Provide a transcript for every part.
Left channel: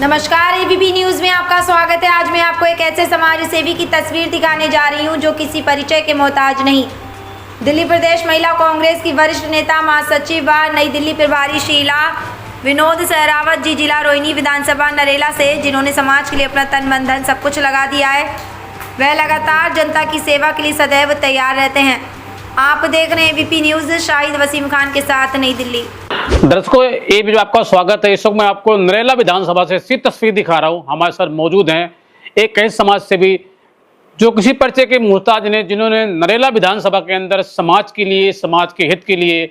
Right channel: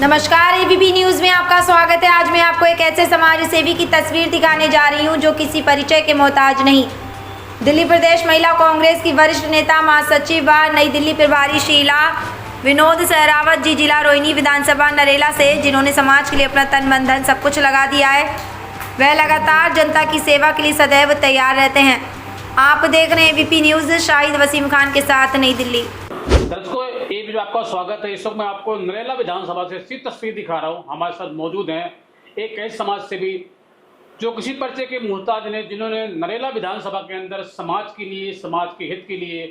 नमस्कार, ABP news में आपका स्वागत है। आज मैं आपको एक ऐसे समाज सेवी की तस्वीर दिखाने जा रही हूं जो किसी परिचय के मोहताज नहीं। दिल्ली प्रदेश महिला कांग्रेस की वरिष्ठ नेता, महासचिव व नई दिल्ली प्रभारी शीला विनोद सहरावत जी, जिला रोहिणी विधानसभा नरेला से, जिन्होंने समाज के लिए अपना तन मन धन सब कुछ लगा दिया है। वह लगातार जनता की सेवा के लिए सदैव तैयार रहते हैं। आप देख रहे हैं एबीपी न्यूज। शाहिद वसीम खान के साथ, नई दिल्ली। दर्शकों, ये भी आपका स्वागत है। इस वक्त मैं आपको नरेला विधानसभा से सीधी तस्वीर दिखा रहा हूं। हमारे साथ मौजूद हैं एक ऐसे समाज सेवी जो किसी परिचय के मोहताज ने, जिन्होंने नरेला विधानसभा के अंदर समाज के लिए, समाज के हित के लिए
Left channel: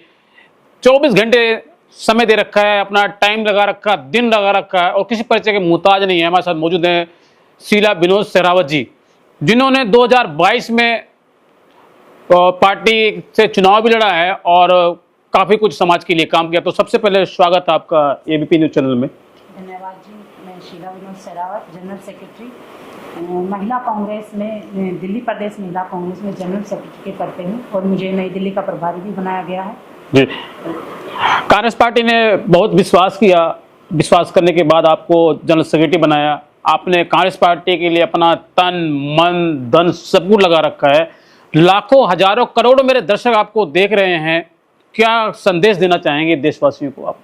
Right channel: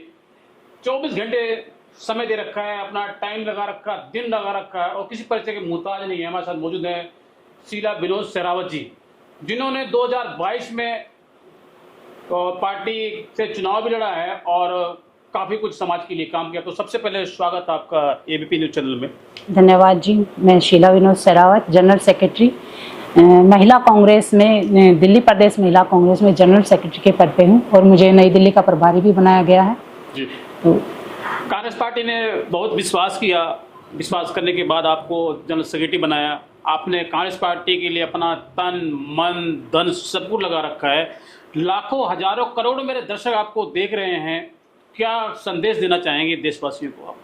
24 घंटे समय दे रखा है, अपना टाइम लगा रखा, दिन लगा रखा है और किसी परिचय के मोहताज नहीं है। हमारे साथ मौजूद हैं शीला विनोद सहरावत जी, जिन्होंने 2022 में पार्टी से चुनाव भी लड़ा है और काफ़ी कुछ समाज के लिए काम किया। तो सबसे पहले स्वागत आपका एबीपी न्यूज चैनल में। धन्यवाद जी। मैं शीला विनोद सहरावत, जनरल सेक्रेटरी महिला कांग्रेस में, दिल्ली प्रदेश महिला कांग्रेस में जनरल सेक्रेटरी के पद पे हूँ और मुझे नई दिल्ली का प्रभारी भी बनाया गया है जी। कांग्रेस पार्टी ने बहुत विश्वास किया, विश्वास करने के बाद आपको जनरल सेक्रेटरी बनाया। आपने कांग्रेस पार्टी के लिए अपना तन मन धन सब कुछ लगा रखा है। लाखों हजारों करोड़ों मेरे दर्शक आपको देख रहे हैं, क्या संदेश देना चाहेंगे देशवासियों को आप?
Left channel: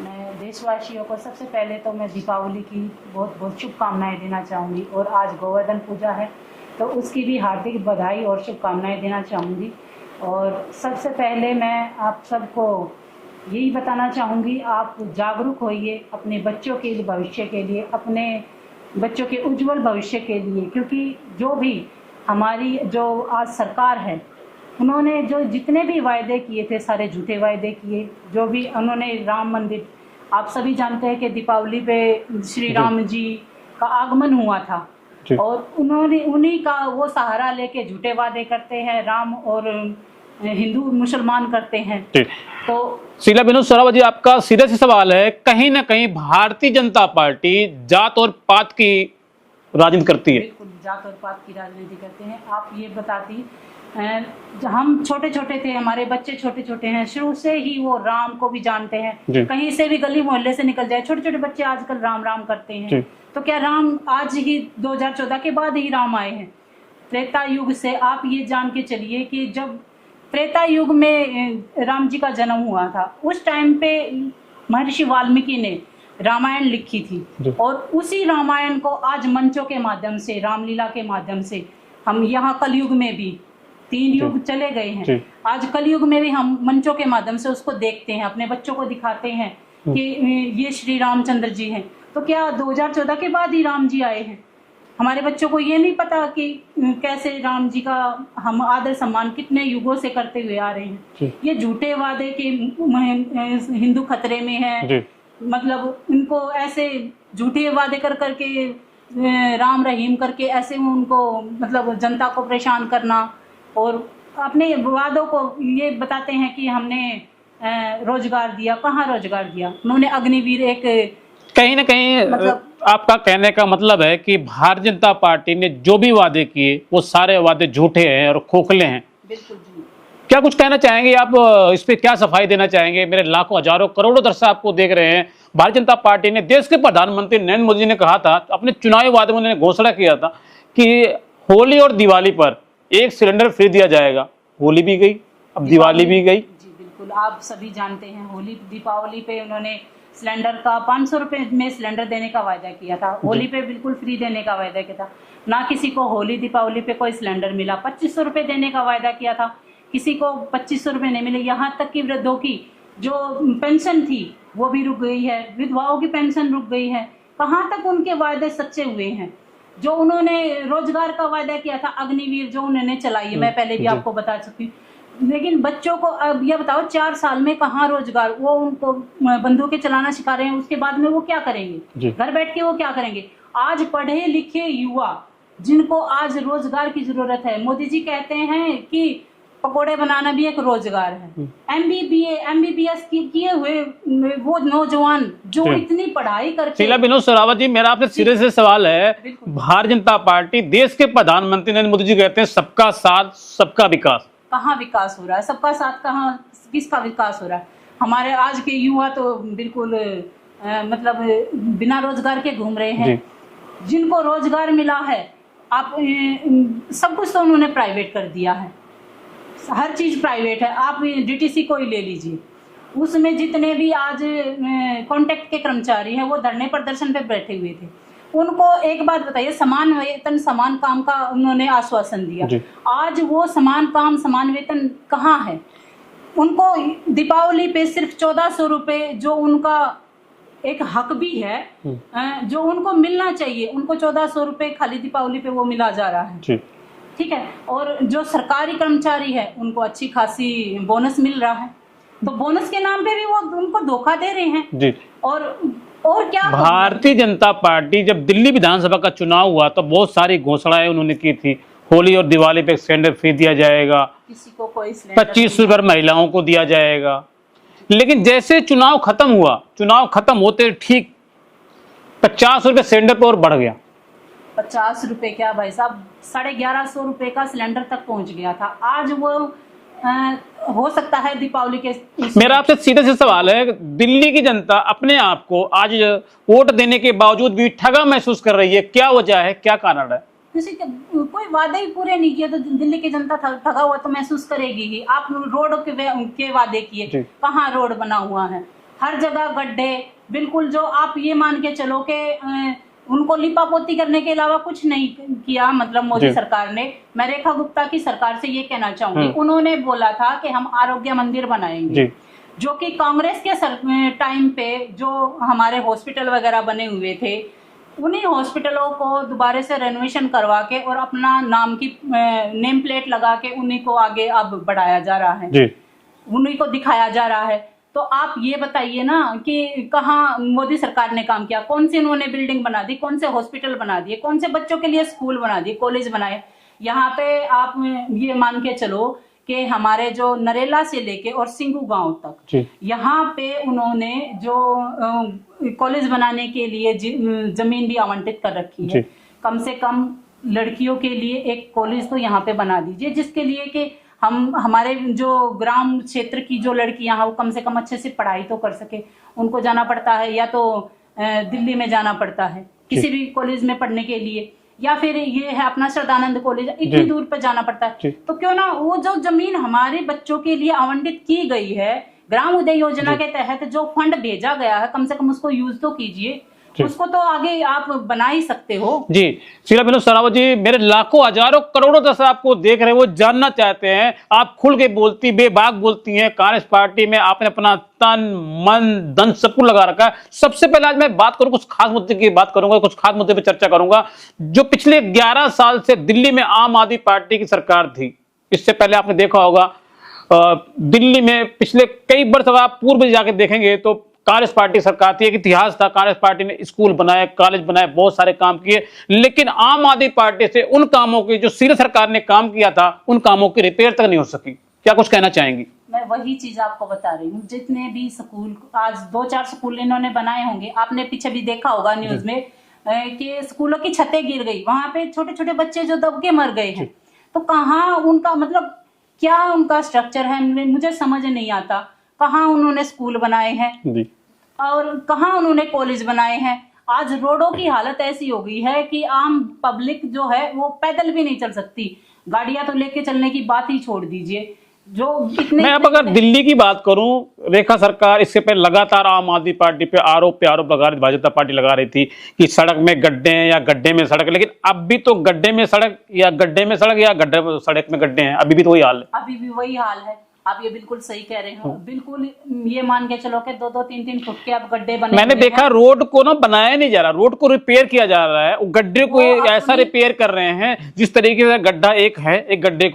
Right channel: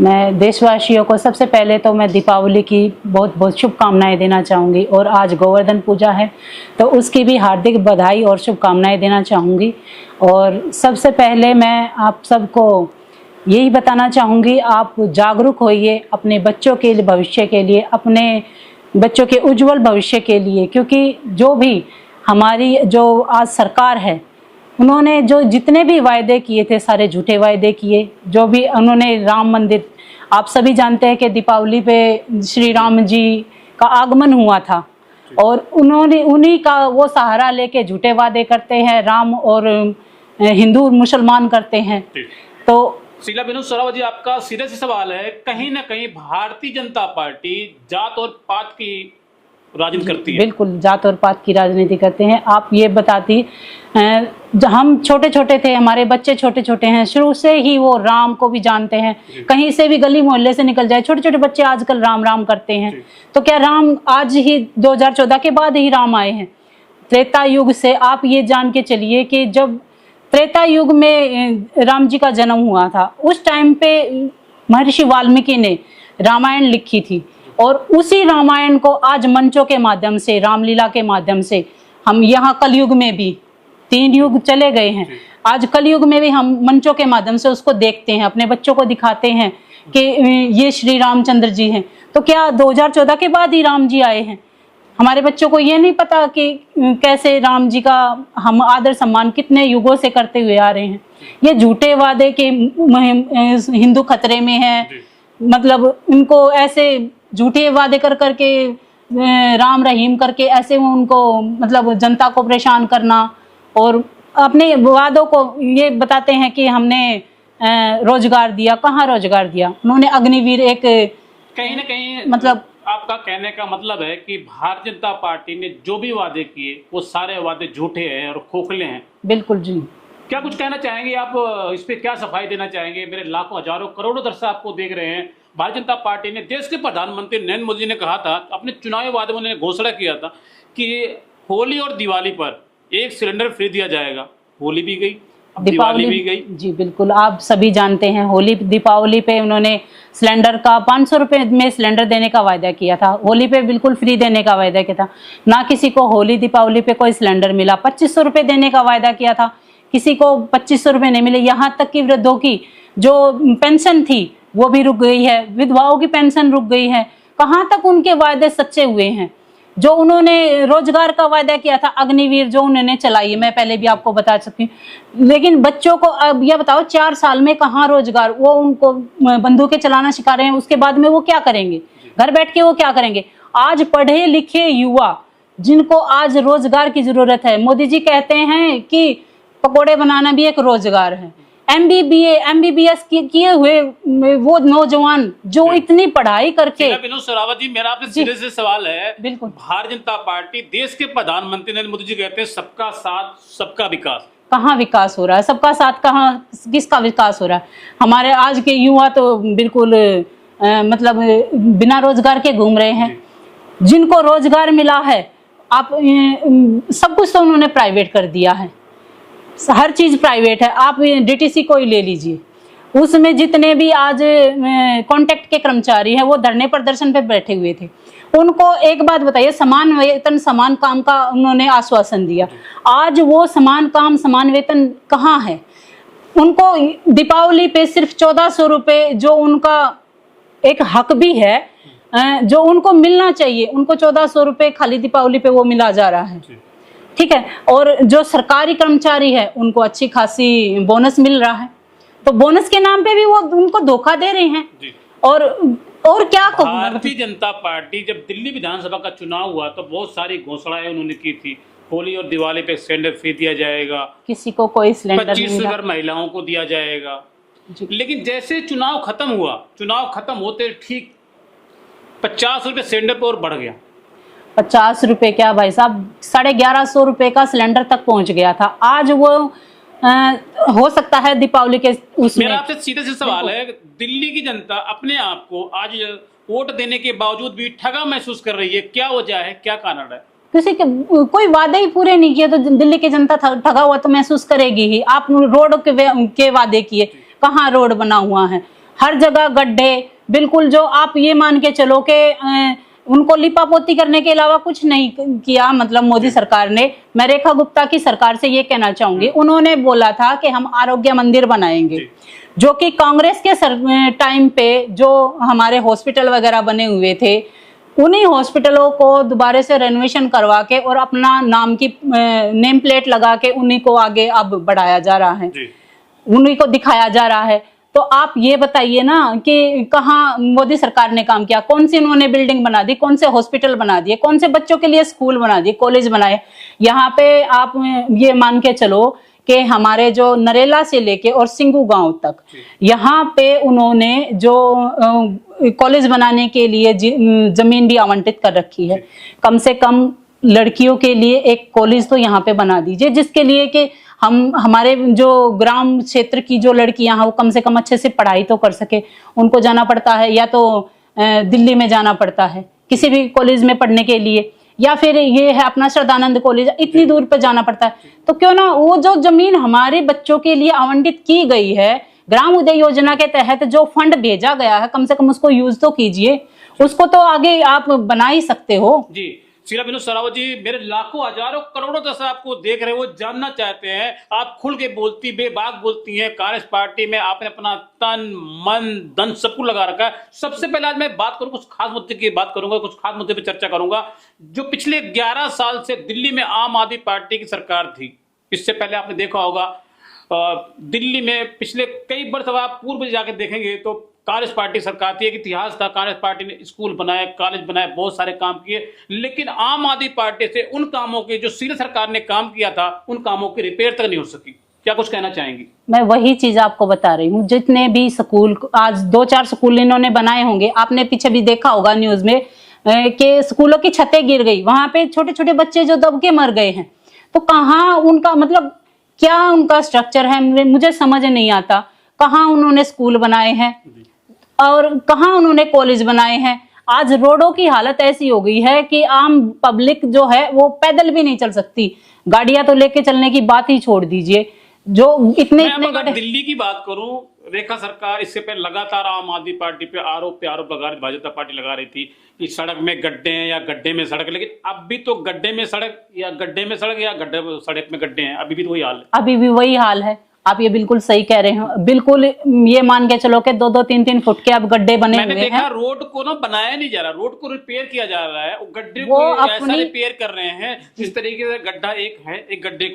मैं देशवासियों को सबसे पहले तो मैं दीपावली की बहुत बहुत शुभकामनाएं देना चाहूँगी और आज गोवर्धन पूजा है तो उसकी भी हार्दिक बधाई और शुभकामनाएं देना चाहूँगी। और सबसे पहले मैं आप सबको यही बताना चाहूँगी, आप जागरूक होइए अपने बच्चों के लिए, भविष्य के लिए, अपने बच्चों के उज्जवल भविष्य के लिए, क्योंकि जो भी हमारी जो आज सरकार है, उन्होंने जो जितने भी वायदे किए थे सारे झूठे वायदे किए। जो भी उन्होंने राम मंदिर, आप सभी जानते हैं कि दीपावली पे श्री राम जी का आगमन हुआ था और उन्होंने उन्हीं का वो सहारा लेके झूठे वादे करते हैं, राम और हिंदू मुसलमान करते हैं। तो शीला विनोद सहरावत जी, आपका सीधा सा सवाल है, कहीं ना कहीं भारतीय जनता पार्टी जात और पात की राजनीति करती है? बिल्कुल, जात और पात की राजनीति करते हैं। आप ये बताती, हम छोटे छोटे थे, हमारे बच्चे छोटे छोटे हैं, शुरू से ही वो राम को भी जानते हैं। कहीं से भी गली मोहल्ले से निकल जाए, छोटे छोटे बच्चे आजकल राम राम करते हैं। तो क्या राम आज ही 2014 के बाद ही राम आए हैं? त्रेता युग से आप ये जान के चलिए कि जब त्रेता युग में राम जी का जन्म हुआ था, उस टाइम पे महर्षि वाल्मीकि ने रामायण लिखी थी और उसी रामायण को आज मंचों के माध्यम से, रामलीला के माध्यम से, हम यहाँ कलयुग में भी 3 युग चले गए हैं, आज कलयुग में भी हम मंचों के माध्यम से उसको देखते हैं, अपने बच्चों को दिखाते हैं कि ये श्री रामचंद्र जी हैं। तो क्या 2014 के बाद ही राम जी आए हैं? हमारे बच्चों को ये नहीं पता कि कैसे राम जी का हम आदर सम्मान कितने युगों से करते हुए आ रहे हैं। ये झूठे वादे के हिंदू खतरे में है, मतलब उनको ऐसे झूठे वादे कर करके राम रहीम करके ऐसे उनको मतलब जनता को परेशान करना और अपने वादों को ये बताते हैं कि हमने रोजगार दिया। कहाँ रोजगार दिया? उन्होंने अग्निवीर एक, कहीं ना कहीं मतलब आपका कहने का मतलब है कि भारतीय जनता पार्टी ने जो भी वादे किए वो सारे वादे झूठे हैं और खोखले हैं। बिल्कुल जी। क्या कुछ कहना चाहेंगे आप, इस पे क्या सफाई देना चाहेंगे? मेरे लाखों हजारों करोड़ों दर्शक आपको देख रहे हैं। भारतीय जनता पार्टी ने, देश के प्रधानमंत्री नरेंद्र मोदी ने कहा था, अपने चुनावी वादे में उन्होंने घोषणा किया था कि होली और दिवाली पर 1 सिलेंडर फ्री दिया जाएगा। होली भी गई, अब दिवाली भी गई। जी बिल्कुल, आप सभी जानते हैं होली दीपावली पे उन्होंने सिलेंडर का 500 रुपए में सिलेंडर देने का वायदा किया था। होली पे बिल्कुल फ्री देने का वायदा किया था। ना किसी को होली दीपावली पे कोई सिलेंडर मिला। 2500 रुपए देने का वायदा किया था, किसी को 2500 रुपए नहीं मिले। यहाँ तक कि वृद्धों की जो पेंशन थी वो भी रुक गई है, विधवाओं की पेंशन रुक गई है। कहाँ तक उनके वायदे सच्चे हुए हैं? जो उन्होंने रोजगार का वायदा किया था, अग्निवीर जो उन्होंने चलाई है, मैं पहले भी आपको बता सकती हूँ। लेकिन बच्चों को अब यह बताओ, 4 साल में कहाँ रोजगार? वो उनको बंदूकें चलाना सिखा रहे हैं, उसके बाद में वो क्या करेंगे? घर बैठ के वो क्या करेंगे? आज पढ़े लिखे युवा जिनको आज रोजगार की जरूरत है, मोदी जी कहते हैं कि पकोड़े बनाना भी एक रोजगार है। MBBS किए हुए वो नौजवान जो इतनी पढ़ाई करके। शीला विनोद सहरावत जी, मेरा आपसे सीधे से सवाल है, भारतीय जनता पार्टी, देश के प्रधानमंत्री नरेंद्र मोदी जी कहते हैं सबका साथ सबका विकास, कहाँ विकास हो रहा है? सबका साथ कहाँ, किसका विकास हो रहा है? हमारे आज के युवा तो बिल्कुल मतलब बिना रोजगार के घूम रहे हैं। जिनको रोजगार मिला है, आप सब कुछ तो उन्होंने प्राइवेट कर दिया है, हर चीज प्राइवेट है। आप डीटीसी को ही ले लीजिए, उसमें जितने भी आज कॉन्ट्रैक्ट के कर्मचारी हैं वो धरने प्रदर्शन पे बैठे हुए थे। उनको एक बात बताइए, समान वेतन समान काम का उन्होंने आश्वासन दिया, आज वो समान काम समान वेतन कहाँ है? उनको दीपावली पे सिर्फ 1400 रुपए जो उनका एक हक भी है, जो उनको मिलना चाहिए, उनको 1400 रुपए खाली दीपावली पे वो मिला जा रहा है। ठीक है, और जो सरकारी कर्मचारी है उनको अच्छी खासी बोनस मिल रहा है, तो बोनस के नाम पे भी वो उनको धोखा दे रहे हैं जी। और क्या भारतीय जनता पार्टी जब दिल्ली विधानसभा का चुनाव हुआ तो बहुत सारी घोषणाएं उन्होंने की थी, होली और दिवाली पे सिलेंडर फ्री दिया जाएगा, किसी को कोई सिलेंडर 25 सिल्वर महिलाओं को दिया जाएगा। लेकिन जैसे चुनाव खत्म हुआ, चुनाव खत्म होते ठीक 50 रुपए सिलेंडर पर और बढ़ गया। 50 रुपए क्या भाई साहब, 1150 रुपए का सिलेंडर तक पहुंच गया था। आज वो हो सकता है दीपावली के मेरा आपसे सीधे से सवाल है, दिल्ली की जनता अपने आप को आज वोट देने के बावजूद भी ठगा महसूस कर रही है, क्या वजह है, क्या कारण है? किसी के कोई वादे ही पूरे नहीं किए तो दिल्ली की जनता ठगा हुआ तो महसूस करेगी ही। आप रोड के वादे किए, कहाँ रोड बना हुआ है? हर जगह गड्ढे, बिल्कुल जो आप ये मान के चलो कि उनको लिपापोती करने के अलावा कुछ नहीं किया, मतलब मोदी सरकार ने। मैं रेखा गुप्ता की सरकार से ये कहना चाहूंगी, उन्होंने बोला था कि हम आरोग्य मंदिर बनाएंगे, जो कि कांग्रेस के टाइम पे जो हमारे हॉस्पिटल वगैरह बने हुए थे, उन्हीं हॉस्पिटलों को दोबारा से रेनोवेशन करवा के और अपना नाम की नेम प्लेट लगा के उन्हीं को आगे अब बढ़ाया जा रहा है, उन्हीं को दिखाया जा रहा है। तो आप ये बताइए ना कि कहाँ मोदी सरकार ने काम किया? कौन सी उन्होंने बिल्डिंग बना दी, कौन से हॉस्पिटल बना दिए, कौन से बच्चों के लिए स्कूल बना दिए, कॉलेज बनाए? यहाँ पे आप ये मान के चलो कि हमारे जो नरेला से लेके और सिंगू गांव तक, यहाँ पे उन्होंने जो कॉलेज बनाने के लिए जमीन भी आवंटित कर रखी है। कम से कम लड़कियों के लिए एक कॉलेज तो यहाँ पे बना दीजिए, जिसके लिए कि हमारे जो ग्राम क्षेत्र की जो लड़कियां हैं वो कम से कम अच्छे से पढ़ाई तो कर सके। उनको जाना पड़ता है या तो दिल्ली में जाना पड़ता है किसी भी कॉलेज में पढ़ने के लिए, या फिर ये है अपना श्रद्धानंद कॉलेज, इतनी दूर पे जाना पड़ता है। तो क्यों ना वो जो जमीन हमारे बच्चों के लिए आवंटित की गई है ग्राम उदय योजना के तहत, जो फंड भेजा गया है, कम से कम उसको यूज तो कीजिए, उसको तो आगे आप बना ही सकते हो। जी शीला विनोद सरावत जी, मेरे लाखों हजारों करोड़ों दर्शक आपको देख रहे हैं, वो जानना चाहते हैं, आप खुल के बोलती, बेबाक बोलती हैं, कांग्रेस पार्टी में आपने अपना तन मन धन सब कुछ लगा रखा है। सबसे पहले आज मैं बात करूं, कुछ खास मुद्दे की बात करूंगा, कुछ खास मुद्दे पे चर्चा करूंगा। जो पिछले 11 साल से दिल्ली में आम आदमी पार्टी की सरकार थी, इससे पहले आपने देखा होगा दिल्ली में पिछले कई वर्ष आप पूर्व जाकर देखेंगे तो कांग्रेस पार्टी सरकार थी, एक इतिहास था। कांग्रेस पार्टी ने स्कूल बनाए, कॉलेज बनाए, बहुत सारे काम किए, लेकिन आम आदमी पार्टी से उन कामों की जो सीधे सरकार ने काम किया था, उन कामों की रिपेयर तक नहीं हो सकी। क्या कुछ कहना चाहेंगी? मैं वही चीज आपको बता रही हूँ, जितने भी स्कूल, आज 2-4 स्कूल इन्होंने बनाए होंगे, आपने पीछे भी देखा होगा न्यूज में कि स्कूलों की छतें गिर गई, वहां पे छोटे छोटे बच्चे जो दब के मर गए हैं। तो कहाँ उनका मतलब क्या उनका स्ट्रक्चर है, मुझे समझ नहीं आता। कहाँ उन्होंने स्कूल बनाए हैं और कहाँ उन्होंने कॉलेज बनाए हैं। आज रोडों की हालत ऐसी हो गई है कि आम पब्लिक जो है वो पैदल भी नहीं चल सकती, गाड़ियां तो लेके चलने की बात ही छोड़ दीजिए। जो इतने मैं अब अगर दिल्ली की बात करूं, रेखा सरकार इससे पहले लगातार आम आदमी पार्टी पे आरोप पे आरोप लगा रही, भाजपा पार्टी लगा रही थी कि सड़क में गड्ढे हैं या गड्ढे में सड़क, लेकिन अब भी तो गड्ढे में सड़क या गड्ढे में सड़क या गड्ढे सड़क में गड्ढे हैं, अभी भी तो वही हाल है। अभी भी वही हाल है, आप ये बिल्कुल सही कह रहे हैं। बिल्कुल ये मान के चलो कि 2-2, 3-3 फुट के अब गड्ढे बने। मैंने देखा रोड को ना बनाया नहीं जा रहा, रोड को रिपेयर किया जा रहा है, गड्ढे को ऐसा रिपेयर कर रहे हैं जिस तरीके से गड्ढा एक है, एक गड्ढे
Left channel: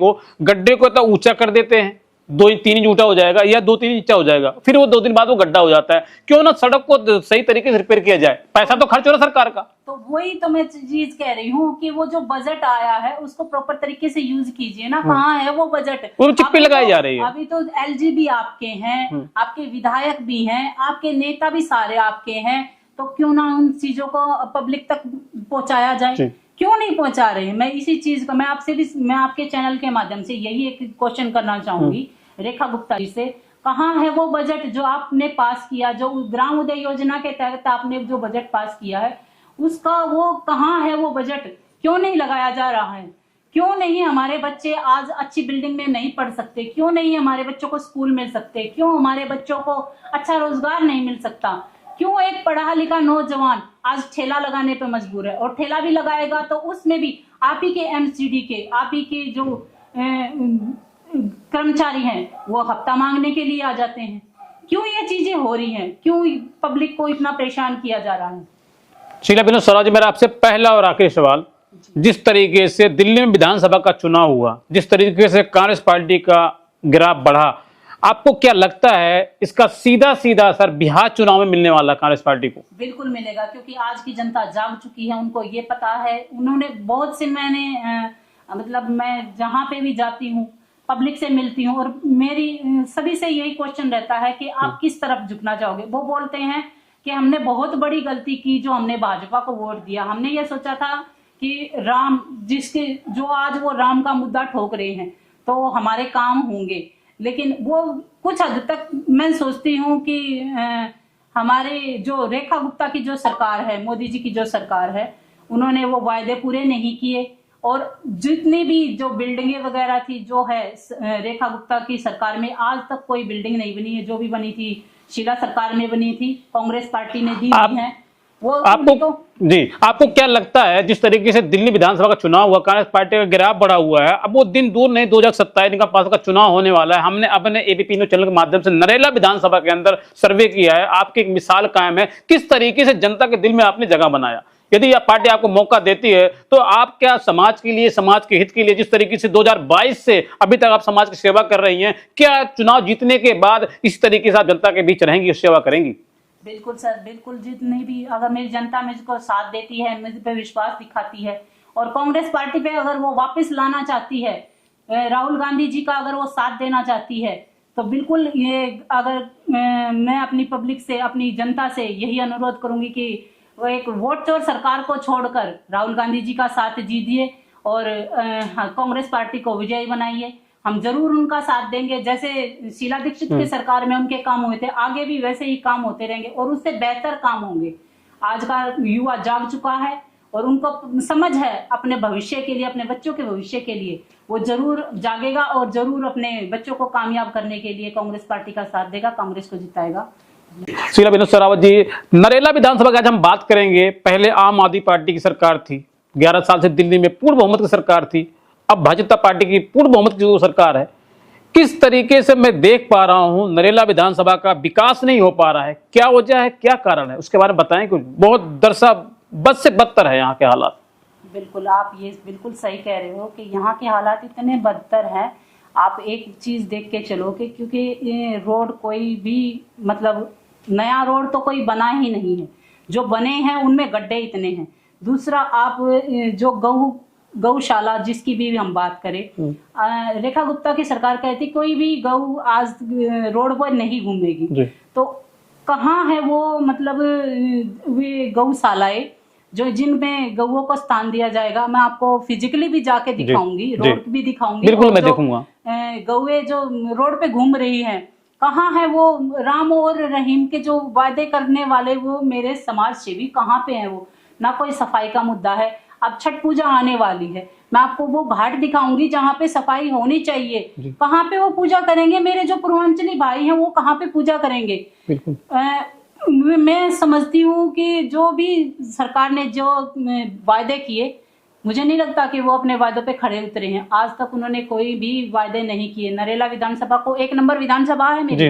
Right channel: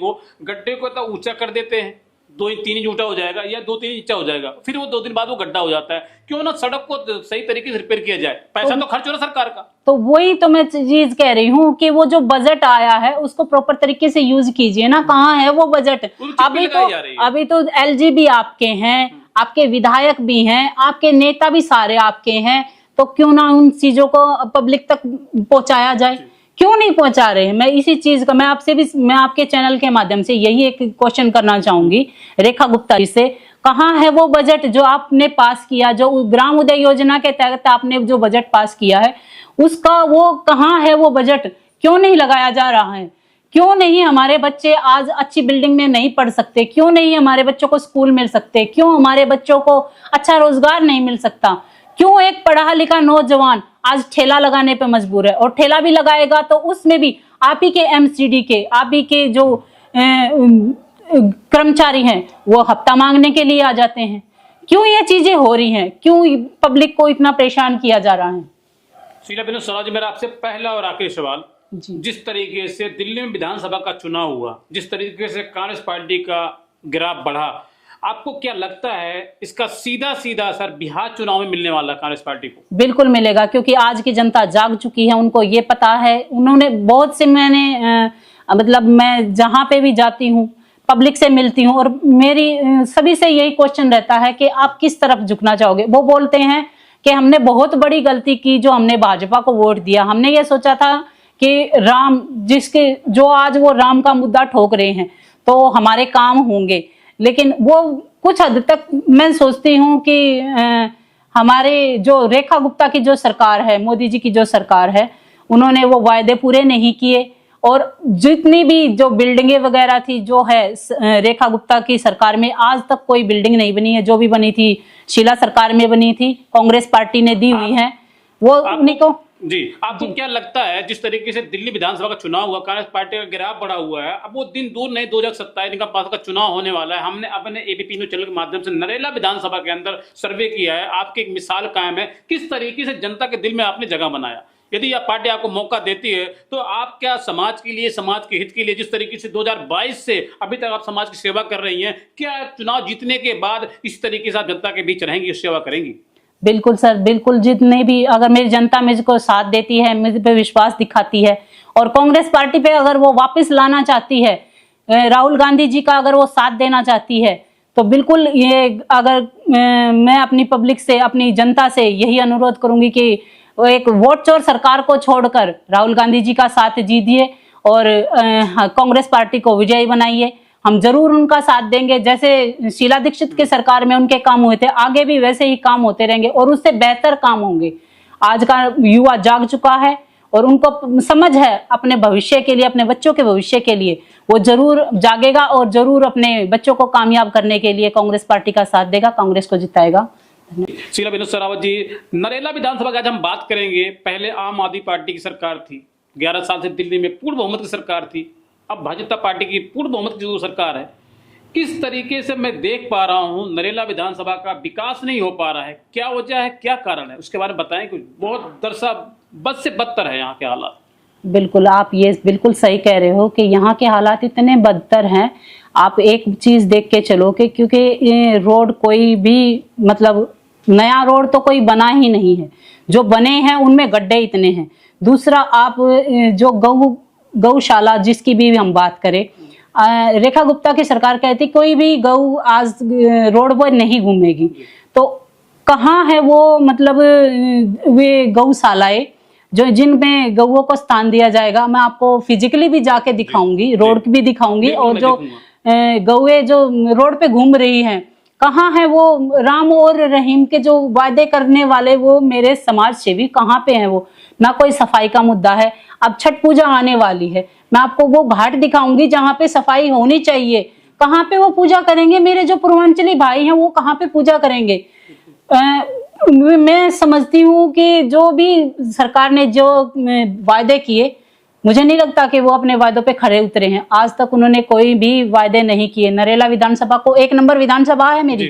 को तो ऊंचा कर देते हैं, 2-3 इंच ऊंचा हो जाएगा या 2-3 इंच हो जाएगा, फिर वो 2 दिन बाद वो गड्ढा हो जाता है। क्यों ना सड़क को सही तरीके से रिपेयर किया जाए, पैसा तो खर्च हो रहा सरकार का। तो वही तो मैं चीज कह रही हूँ कि वो जो बजट आया है उसको प्रॉपर तरीके से यूज कीजिए ना। कहाँ है वो बजट? लगाई जा रही है। अभी तो एलजी भी आपके हैं, आपके विधायक भी हैं, आपके नेता भी सारे आपके हैं, तो क्यों ना उन चीजों को पब्लिक तक पहुंचाया जाए? क्यों नहीं पहुंचा रहे? मैं इसी चीज का मैं आपसे भी, मैं आपके चैनल के माध्यम से यही एक क्वेश्चन करना चाहूंगी रेखा गुप्ता जी से। कहाँ है वो बजट जो आपने पास किया, जो ग्राम उदय योजना के तहत आपने जो बजट पास किया है, उसका वो कहाँ है वो बजट? क्यों नहीं लगाया जा रहा है? क्यों नहीं हमारे बच्चे आज अच्छी बिल्डिंग में नहीं पढ़ सकते? क्यों नहीं हमारे बच्चों को स्कूल मिल सकते? क्यों हमारे बच्चों को अच्छा रोजगार नहीं मिल सकता? क्यों एक पढ़ा लिखा नौजवान आज ठेला लगाने पे मजबूर है? और ठेला भी लगाएगा तो उसमें भी आप ही के एमसीडी के, आप ही के जो कर्मचारी हैं वो हफ्ता मांगने के लिए आ जाते हैं। क्यों ये चीजें हो रही हैं? क्यों पब्लिक को इतना परेशान किया जा रहा है? शीला विनोद स्वराज, मेरा आपसे पहला और आखिरी सवाल, जिस तरीके से दिल्ली में विधानसभा का चुनाव हुआ, जिस तरीके से कांग्रेस पार्टी का ग्राफ बढ़ा, आपको क्या लगता है इसका सीधा सीधा असर बिहार चुनाव में मिलने वाला कांग्रेस पार्टी को? बिल्कुल मिलेगा, क्योंकि आज की जनता जाग चुकी है, उनको ये पता है। उन्होंने बहुत से, मैंने मतलब मैं जहां पे भी जाती हूँ, पब्लिक से मिलती हूँ, और मेरी सभी से यही क्वेश्चन रहता है कि आप किस तरफ झुकना चाहोगे। वो बोलते हैं कि हमने बहुत बड़ी गलती की जो हमने भाजपा को वोट दिया। हमने ये सोचा था कि राम, जिसके जो आज वो राम का मुद्दा ठोक रहे हैं तो हमारे काम होंगे, लेकिन वो कुछ हद तक मैं सोचती हूँ कि हमारे जो रेखा गुप्ता की जो सरकार है, मोदी जी की जो सरकार है, उन्होंने वो वायदे पूरे नहीं किए। और जितनी भी जो बिल्डिंगें वगैरह थी जो है रेखा गुप्ता की सरकार में, आज तक कोई बिल्डिंग नहीं बनी है। जो भी बनी थी शीला सरकार में बनी थी, कांग्रेस पार्टी ने दी हुई है वो। आपको क्या लगता है जिस तरीके से दिल्ली विधानसभा का चुनाव हुआ, कांग्रेस पार्टी का ग्राफ बढ़ा हुआ है, अब वो दिन दूर नहीं, 2027 का पास का चुनाव होने वाला है। हमने अपने एबीपी न्यूज चैनल के माध्यम से नरेला विधानसभा के अंदर सर्वे किया है, आपकी एक मिसाल कायम है किस तरीके से जनता के दिल में आपने जगह बनाया। यदि यह पार्टी आपको मौका देती है तो आप क्या समाज के लिए, समाज के हित के लिए, जिस तरीके से 2022 से अभी तक आप समाज की सेवा कर रही हैं, क्या चुनाव जीतने के बाद इस तरीके से आप जनता के बीच रहेंगी, सेवा करेंगी? बिल्कुल सर, बिल्कुल। जितने भी, अगर मेरी जनता मुझको साथ देती है, मुझ पे विश्वास दिखाती है, और कांग्रेस पार्टी पे अगर वो वापस लाना चाहती है, राहुल गांधी जी का अगर वो साथ देना चाहती है, तो बिल्कुल ये, अगर मैं अपनी पब्लिक से, अपनी जनता से यही अनुरोध करूंगी कि वो एक वोट चोर सरकार को छोड़कर राहुल गांधी जी का साथ दीजिए और कांग्रेस पार्टी को विजयी बनाइए। हम जरूर उनका साथ देंगे। जैसे शीला दीक्षित की सरकार में उनके काम हुए थे, आगे भी वैसे ही काम होते रहेंगे और उससे बेहतर काम होंगे। आज का युवा जाग चुका है और उनको समझ है अपने भविष्य के लिए, अपने बच्चों के भविष्य के लिए, वो जरूर जागेगा और जरूर अपने बच्चों को कामयाब करने के लिए कांग्रेस पार्टी का साथ देगा, कांग्रेस को जिताएगा। शीला विनोद सरावत जी, नरेला विधानसभा की आज हम बात करेंगे। पहले आम आदमी पार्टी की सरकार थी, 11 साल से दिल्ली में पूर्ण बहुमत की सरकार थी, अब भाजपा पार्टी की पूर्ण बहुमत की जो सरकार है, किस तरीके से मैं देख पा रहा हूं नरेला विधानसभा का विकास नहीं हो पा रहा है, क्या वजह है, क्या कारण है, उसके बारे में बताएं कुछ। बहुत दरसा बद से बदतर है यहाँ के हालात। बिल्कुल, आप ये बिल्कुल सही कह रहे हो कि यहाँ के हालात इतने बदतर हैं। आप एक चीज देख के चलो कि क्योंकि ये रोड कोई भी, मतलब नया रोड तो कोई बना ही नहीं है, जो बने हैं उनमें गड्ढे इतने हैं। दूसरा, आप जो गौशाला जिसकी भी हम बात करें, रेखा गुप्ता की सरकार कहती कोई भी गौ आज रोड पर नहीं घूमेगी, तो कहाँ है वो, मतलब वे गौशालाएं जो जिनमें गौओं को स्थान दिया जाएगा। मैं आपको फिजिकली भी जाके दिखाऊंगी, रोड भी दिखाऊंगी, और जो गौए जो रोड पे घूम रही हैं, कहाँ है वो राम और रहीम के जो वादे करने वाले वो मेरे समाज सेवी कहाँ पे हैं? वो ना कोई सफाई का मुद्दा है। अब छठ पूजा आने वाली है, मैं आपको वो घाट दिखाऊंगी जहाँ पे सफाई होनी चाहिए, कहाँ पे वो पूजा करेंगे? मेरे जो पूर्वांचली भाई हैं वो कहाँ पे पूजा करेंगे? मैं समझती हूँ कि जो भी सरकार ने जो वायदे किए, मुझे नहीं लगता कि वो अपने वायदों पे खड़े उतरे हैं। आज तक उन्होंने कोई भी वायदे नहीं किए। नरेला विधानसभा को 1 नंबर विधानसभा है मेरी,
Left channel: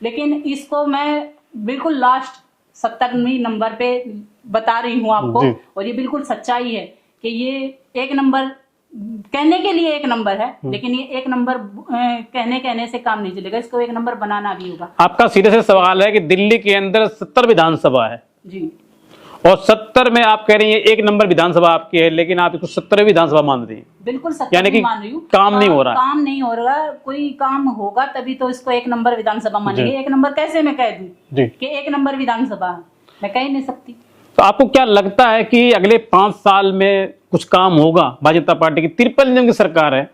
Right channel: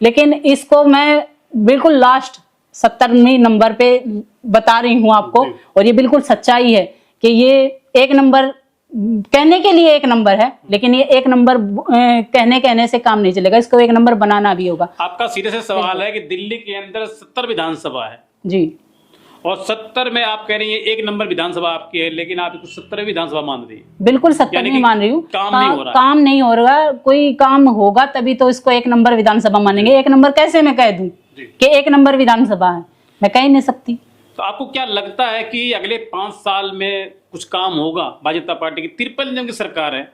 लेकिन इसको मैं बिल्कुल लास्ट 70वें नंबर पे बता रही हूँ आपको, और ये बिल्कुल सच्चाई है कि ये 1 नंबर कहने के लिए 1 नंबर है, लेकिन ये 1 नंबर कहने से काम नहीं चलेगा, इसको 1 नंबर बनाना भी होगा। आपका सीधे से सवाल है कि दिल्ली के अंदर 70 विधानसभा है जी, और 70 में आप कह रही हैं 1 नंबर विधानसभा आपकी है, लेकिन आप इसको 70 विधानसभा मान रही हैं। बिल्कुल 70 नहीं मान रही हूँ, काम नहीं हो रहा, काम नहीं हो रहा। कोई काम होगा तभी तो इसको 1 नंबर विधानसभा मानेंगे। 1 नंबर कैसे मैं कह दूं कि 1 नंबर विधानसभा है? मैं कह ही नहीं सकती। तो आपको क्या लगता है कि अगले 5 साल में कुछ काम होगा? भाजपा पार्टी की 53 दिन की सरकार है,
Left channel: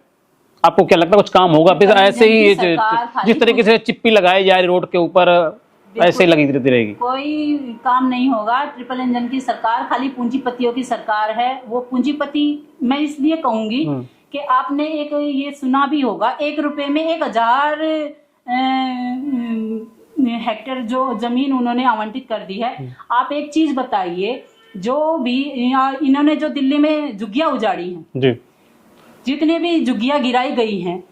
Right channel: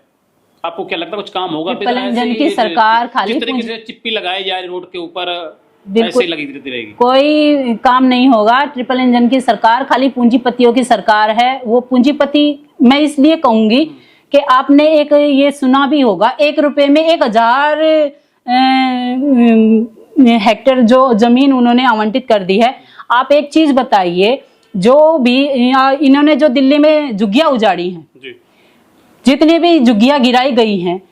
आपको क्या लगता है कुछ काम होगा? फिर ट्रिपल ऐसे इंजन ही की सरकार खाली जिस तरीके से चिप्पी लगाई जा रही रोड के ऊपर ऐसे ही लगी रहेगी, कोई काम नहीं होगा। ट्रिपल इंजन की सरकार खाली पूंजीपतियों की सरकार है। वो पूंजीपति, मैं इसलिए कहूंगी कि आपने एक ये सुना भी होगा, 1 रुपए में 1000 हेक्टेयर जो जमीन उन्होंने आवंटित कर दी है। आप एक चीज बताइए, जो भी इन्होंने जो दिल्ली में झुग्गियां उजाड़ी हैं जी, जितने भी झुग्गियां गिराई गई हैं,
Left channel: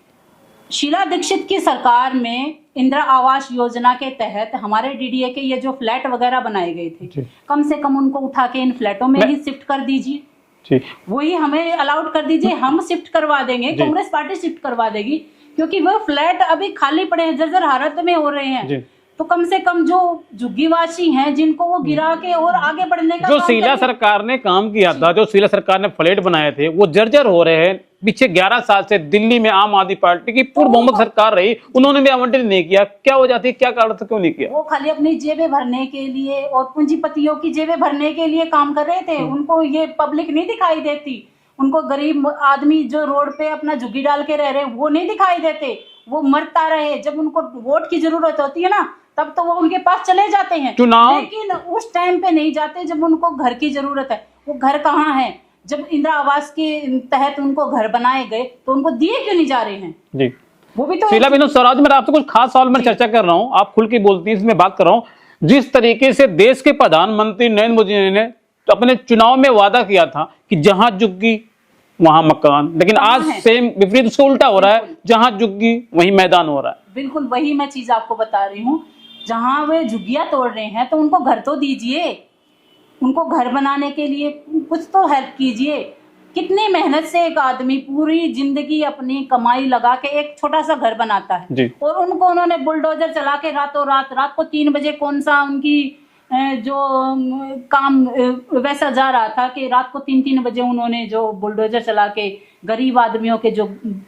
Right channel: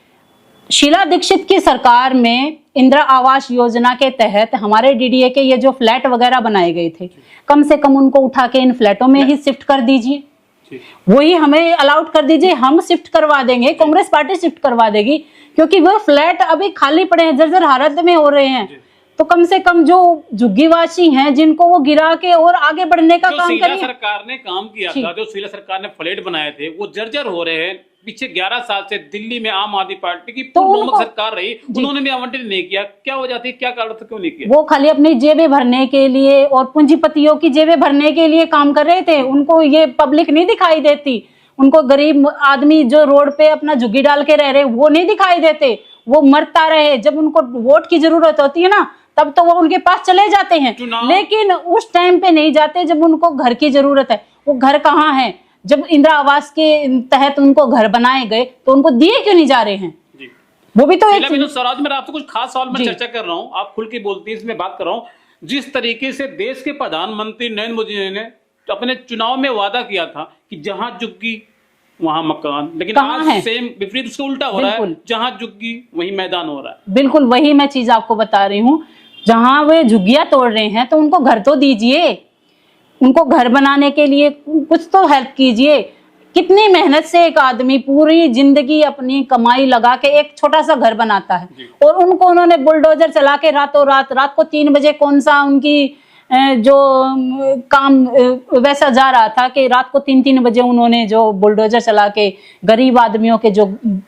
शीला दीक्षित की सरकार में इंदिरा आवास योजना के तहत हमारे डीडीए के ये जो फ्लैट वगैरह बनाए गए थे, कम से कम उनको उठा के इन फ्लैटों में ही शिफ्ट कर दीजिए, वही हमें अलाउड कर दीजिए, हम शिफ्ट करवा देंगे, कांग्रेस पार्टी शिफ्ट करवा देगी, क्योंकि वो फ्लैट अभी खाली पड़े हैं, जर्जर हालत में हो रहे हैं। तो कम से कम जो झुग्गीवासी हैं जिनको वो गिरा के और आगे बढ़ने का जो काम शीला सरकार ने काम किया था, जो शीला सरकार ने फ्लैट बनाए थे, वो जर्जर हो रहे हैं। पीछे 11 साल से दिल्ली में आम आदमी पार्टी की पूर्व बहुमत सरकार रही, उन्होंने भी आवंटित नहीं किया। क्या हो जाती है, क्या कारण था, क्यों नहीं किया? वो खाली अपनी जेबें भरने के लिए और पूंजीपतियों की जेबें भरने के लिए काम कर रहे थे। उनको ये पब्लिक नहीं दिखाई देती, उनको गरीब आदमी जो रोड पे अपना झुग्गी डाल के रह रहे वो नहीं दिखाई देते। वो मरता रहे, जब उनको वोट की जरूरत होती है ना, तब तो वो उनके पास चले जाते हैं, लेकिन उस टाइम पे नहीं जाते जब उनको घर की जरूरत है। वो घर कहाँ है? जब इंदिरा आवास के तहत उनको घर बनाए गए तो उनको दिए क्यों नहीं जा रहे हैं? जी, वो भी तो शीला विनोद स्वराज, मैं आपसे कुछ खास सवाल में चर्चा कर रहा हूँ, आप खुल के बोलती हैं, इसमें बात कर रहा हूँ। जिस तरीके से देश के प्रधानमंत्री नरेंद्र मोदी ने तो अपने चुनाव में वादा किया था कि जहां झुग्गी वहां मकान, लेकिन आज सेम विपरीत, उसका उल्टा हो रहा है, जहां झुग्गी वहीं मैदान हो रहा है। बिल्कुल वही मैं चीज आपको बता रही हूँ। जहां वे झुग्गियां तोड़ रहे हैं तो उनको घर तो दीजिए, उनको घर बनाने के लिए कुछ तो हेल्प कीजिए। कितनी मेहनत से एक आदमी पूरी जिंदगी अपनी कमाई लगा के एक छोटा सा घर बनाता है, और उनको उन्होंने बुलडोजर चला के रातों रात को 3 बजे कौन सा उनकी जो काम वैसा जा रहा था कि रात को 3 बजे उन्होंने जो बुलडोजर चला के गरीब आदमियों के जो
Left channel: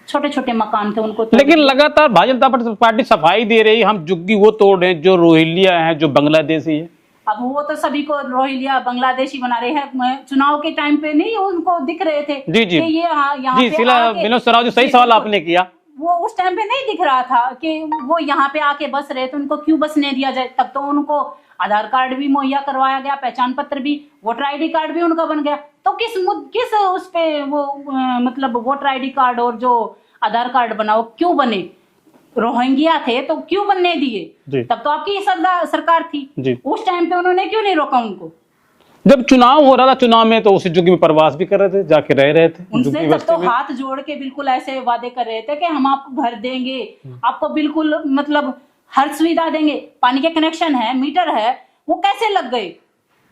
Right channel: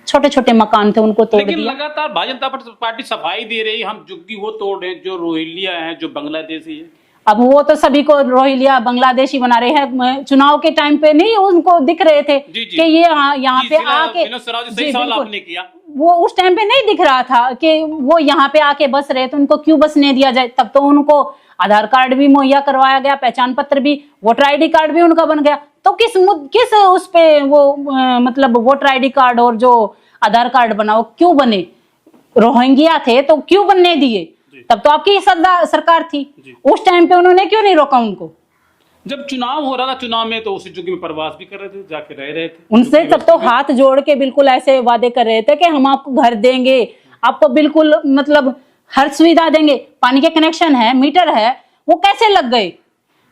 छोटे छोटे मकान थे उनको तोड़। लेकिन लगातार भारतीय जनता पार्टी सफाई दे रही, हम झुग्गी वो तोड़ रहे हैं जो रोहिंग्या है, जो बांग्लादेशी है। अब वो तो सभी को रोहिंग्या बांग्लादेशी बना रहे हैं। चुनाव के टाइम पे नहीं उनको दिख रहे थे कि ये यहाँ पे आके, विनोद स्वराज, सही सवाल आपने किया। वो उस टाइम पे नहीं दिख रहा था कि वो यहाँ पे आके बस रहे, तो उनको क्यों बसने दिया जाए? तब तो उनको आधार कार्ड भी मुहैया करवाया गया, पहचान पत्र भी, वोटर आईडी कार्ड भी उनका बन गया। तो किस उस पे वो मतलब वोटर आईडी कार्ड और जो आधार कार्ड बना वो क्यों बने? रोहिंग्या थे तो क्यों बनने दिए? तब तो आपकी सरकार थी, उस टाइम पे उन्होंने क्यों नहीं रोका उनको? जब चुनाव हो रहा था, चुनाव में तो उसी झुग्गी में प्रवास भी कर रहे थे, जाके रह रहे थे उनसे। तब तो हाथ जोड़ के बिल्कुल ऐसे वादे कर रहे थे कि हम आपको घर देंगे, आपको बिल्कुल मतलब हर सुविधा देंगे, पानी के कनेक्शन है, मीटर है। वो कैसे लग गए?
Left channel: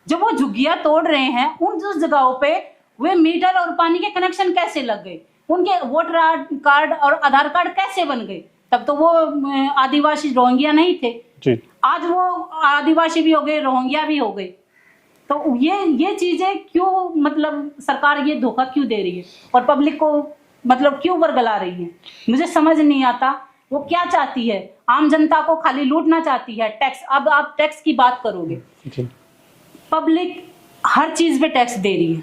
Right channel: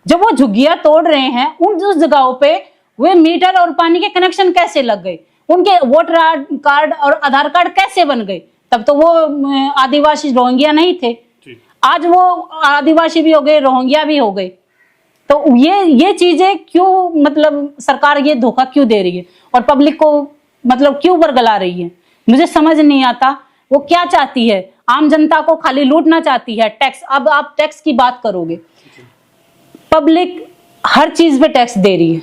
जब वो झुग्गियां तोड़ रहे हैं उन जगहों पे वे मीटर और पानी के कनेक्शन कैसे लग गए? उनके वोटर कार्ड और आधार कार्ड कैसे बन गए? तब तो वो आदिवासी रोहिंग्या नहीं थे जी। आज वो आदिवासी भी हो गए, रोहिंग्या भी हो गए। तो ये चीजें क्यों, मतलब सरकार ये धोखा क्यों दे रही है और पब्लिक को मतलब क्यों बरगला रही है? मुझे समझ नहीं आता वो क्या चाहती है। आम जनता को खाली लूटना चाहती है। टैक्स, अब आप टैक्स की बात करोगे, पब्लिक हर चीज पे टैक्स दे रही है।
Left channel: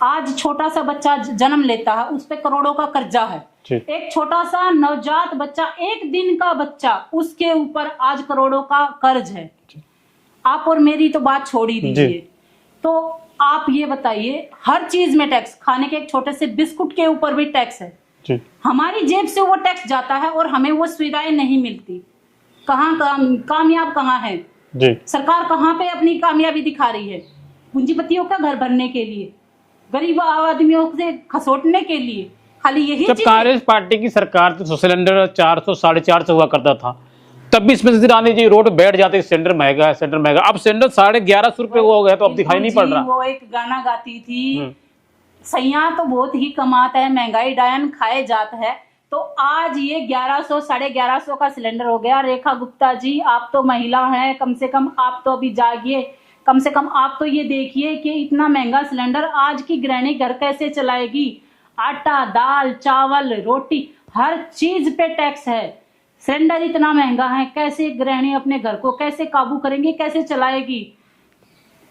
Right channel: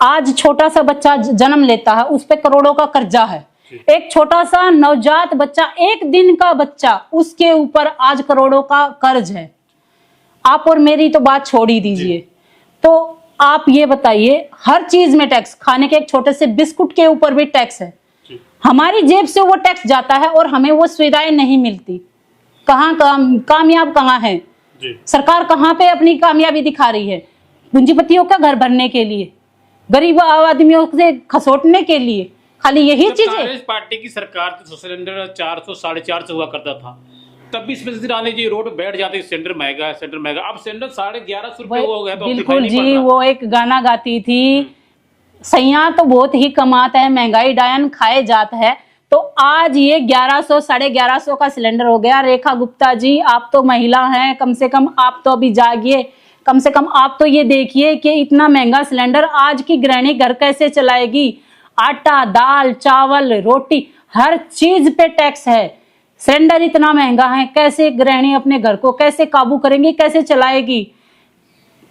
आज छोटा सा बच्चा जन्म लेता है, उस पे करोड़ों का कर्जा है। एक छोटा सा नवजात बच्चा, 1 दिन का बच्चा, उसके ऊपर आज करोड़ों का कर्ज है। आप और मेरी तो बात छोड़ ही दीजिए। तो आप ये बताइए, हर चीज में टैक्स, खाने के एक छोटे से बिस्कुट के ऊपर भी टैक्स है। हमारी जेब से वो टैक्स जाता है और हमें वो सुविधाएं नहीं मिलती। कहाँ कामयाब कहाँ है सरकार? कहाँ पे अपनी कामयाबी दिखा रही है? पूंजीपतियों का घर भरने के लिए, गरीब आदमियों से खसोटने के लिए, खाली यही चीज। कांग्रेस पार्टी की सरकार तो सिलेंडर 400 450 हुआ करता था, तब भी इसमें रानी जी रोड बैठ जाते, सिलेंडर महंगा है, सिलेंडर महंगा। अब सिलेंडर 1150 रुपए हो गया, तो अब दिखाई नहीं पड़ रहा। वो एक गाना गाती थी, सैया तो बहुत ही कमाता है, महंगाई डायन खाए जात है। तो आज ये 1100 1150 का सिलेंडर हो गया। रेखा गुप्ता जी, आप तो महिला हैं, कम से कम आप तो अभी जागिए, कम से कम आप तो ये देखिए कि इतना महंगा सिलेंडर आज की गृहिणी घर कैसे चलाएगी? आटा, दाल, चावल, रोटी, हर चीज पे टैक्स है। सिलेंडर इतना महंगा है, कैसे गृहिणी अपने घर को कैसे काबू करेंगी, कैसे चलाएगी?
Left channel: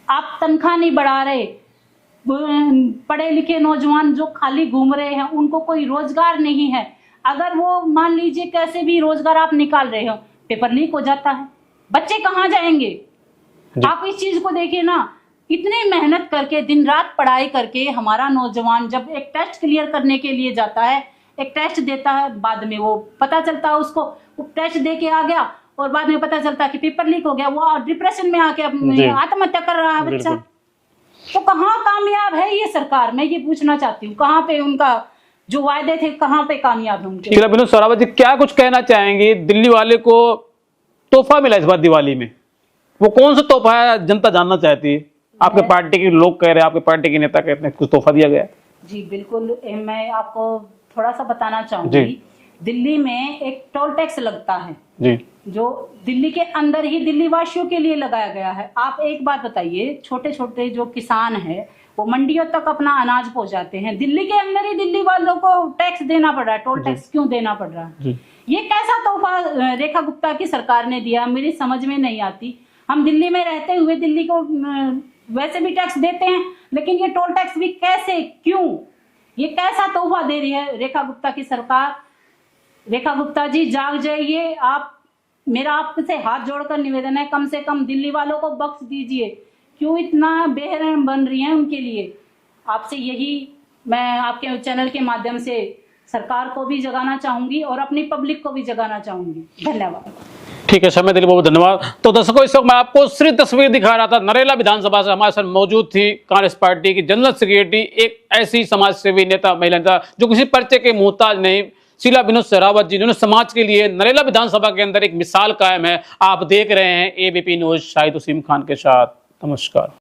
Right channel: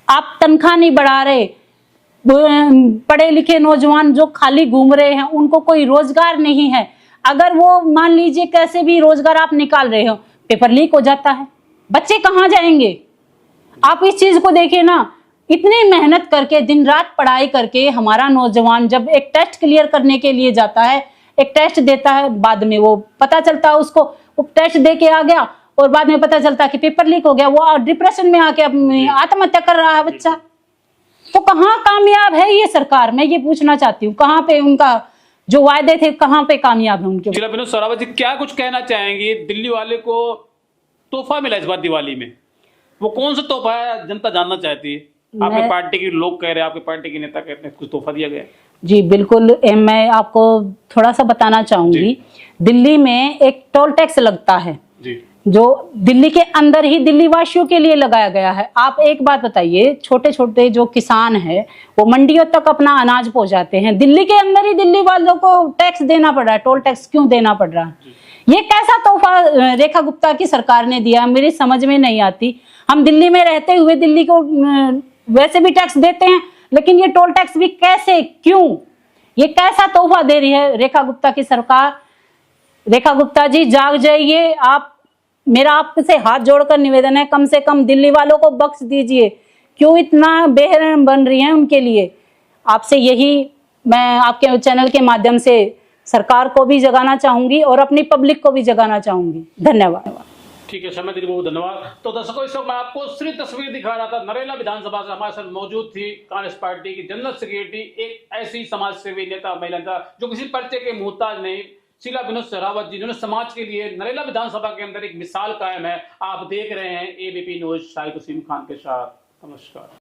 आप तनख्वाह नहीं बढ़ा रहे, पढ़े लिखे नौजवान जो खाली घूम रहे हैं, उनको कोई रोजगार नहीं है। अगर वो मान लीजिए कैसे भी रोजगार आप निकाल रहे हो, पेपर लीक हो जाता है, बच्चे कहाँ जाएंगे? आप इस चीज को देखिए ना, इतनी मेहनत करके दिन रात पढ़ाई करके हमारा नौजवान जब एक टेस्ट क्लियर करने के लिए जाता है, एक टेस्ट देता है, बाद में वो पता चलता है उसको, वो टेस्ट दे के आ गया और बाद में पता चलता है कि पेपर लीक हो गया, वो डिप्रेशन में आके आत्महत्या कर रहा है बच्चा। तो कहाँ कामयाब है ये सरकार? मैं ये पूछना चाहती हूँ, कहाँ पे उनका जो वायदे थे कहाँ पे कामयाब है उनके? शीला विनोद सरावत जी क्या कुछ कहना चाहेंगे? दिल्ली वाले को तोहफा मिला इस बार दिवाली में, वो कौन सा तोहफा है जनता जानना चाहती है? आपके पार्टी के लोग कह रहे हैं, आपके पार्टी के नेता कहते हैं कुछ तोहफा दिया गया है। जी बिल्कुल, मैं आपको थोड़ा सा बताना चाहूंगी। दिल्ली में एक टोल टैक्स लगता है जी, जो दिल्ली के अंदर ही दिल्ली वासियों के लिए लगाया गया है। आप एक बात बताइए, छोटे छोटे जो किसान है वो मंडियों तक अपना अनाज पहुंचाते हैं, दिल्ली के अंदर ही दिल्ली वालों को टैक्स देना पड़ रहा है। टोल टैक्स क्यों देना पड़ रहा है? ये कैसा तोहफा रेखा गुप्ता की सरकार ने दिया, मेरी समझ में नहीं आती। हम दिल्ली में रहते हुए दिल्ली को वैसे भी टैक्स देते हैं, लेकिन ये टोल टैक्स भी कैसे, क्यों, ये कैसा तोहफा दे रही है रेखा गुप्ता की सरकार? रेखा गुप्ता जी जाग जाइए। आप, मेरा आपसे हाथ जोड़कर निवेदन है, कम से कम दिल्ली वालों को बख्श दीजिए। क्यों इतना बेरहम बन रही है उनके लिए? आपसे यही मैं आपके चैनल के माध्यम से सरकार को भी जगाना चाहूंगी और अपनी पब्लिक को भी जगाना चाहूंगी। धन्यवाद। ठीक है, समय देने बहुत धन्यवाद। तो दर्शकों, इस वक्त मैं आपको सिर्फ तस्वीर दिखा रहा था। नरेला विधानसभा से हमारे साथ मौजूद थी कांग्रेस पार्टी की जनरल सेक्रेटरी, एक ऐसी समाज सेवी नेता, महिला नेता जो किसी पर्चे के मोहताज नहीं, शीला विनोद सरावत जी, जिन्होंने समाज के लिए नरेला विधानसभा के अंदर एक मिसाल कायम है। आप देख रहे हैं एबीपी न्यूज, शाहिद उसीम खान के साथ। नमस्कार।